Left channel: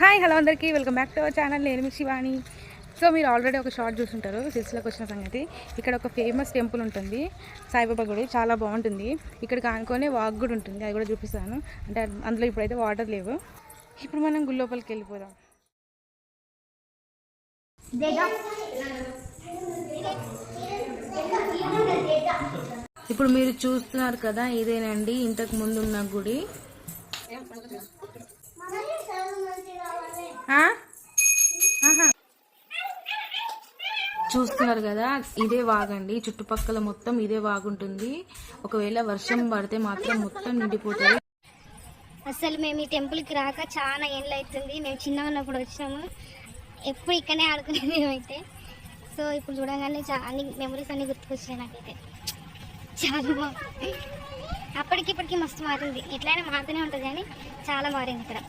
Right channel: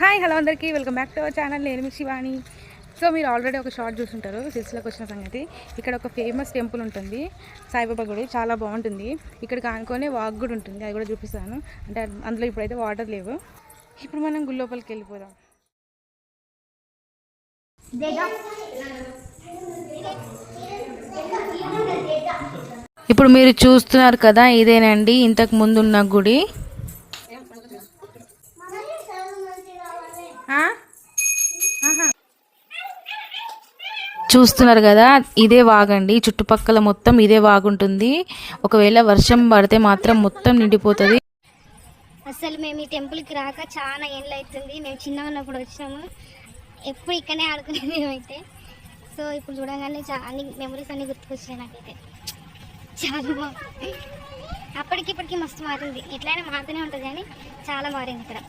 Hi hello అందరికీ welcome back to our channel. నేను మీ Shivani. So మీరు ఆల్రెడీ ఒక షార్ట్ చూసుంటారు సిల్సిలోకి వచ్చిన సంగతి. ఇక్కడ ఒక ఫేమస్ టెంపుల్ ఉంటుంది, సాయిబాబా గుడి. చాలా బాగుంటుంది. ఇక్కడ కానుకొని వాక్ కూడా ఉంటుంది, అది కూడా చూపిస్తాను. అంటే అందులో ఇప్పుడైతే వాటర్ లేవు. ఇప్పుడు మనం గుడి లోపలికి వెళ్ళిపోదాం. ఇప్పుడు మీరు చూస్తున్నారు కదా, ఇదేనండి ఇంతకు ముందు ఉన్న గుడి. చూస్తున్నారు కదా, ఇదే వాగండి. చుట్టుపక్కల మొత్తం ఇదే వాగుంటుంది. ఒకవేళ వర్షం పడితే మాత్రం మొత్తం నిండిపోతుంది. అసలు మేము ఈ టెంపుల్కి రాక చాలా ఏళ్ళు అవుతుంది. మేము చిన్నగా ఉన్నప్పుడు వచ్చినాము, ఎప్పుడు ఇక్కడనే ఆడుకునేది మేమైతే. సో ఇప్పుడు చూడగానే అన్ని మెమరీస్ అన్నీ గుర్తుకొచ్చాయి నాకైతే. చాలా బాగుంది. అప్పటికిప్పటికి మస్తు మారింది. ఎట్లయినా మారుతూనే ఉంటుంది కానీ చాలా మారింది ఇక్కడ.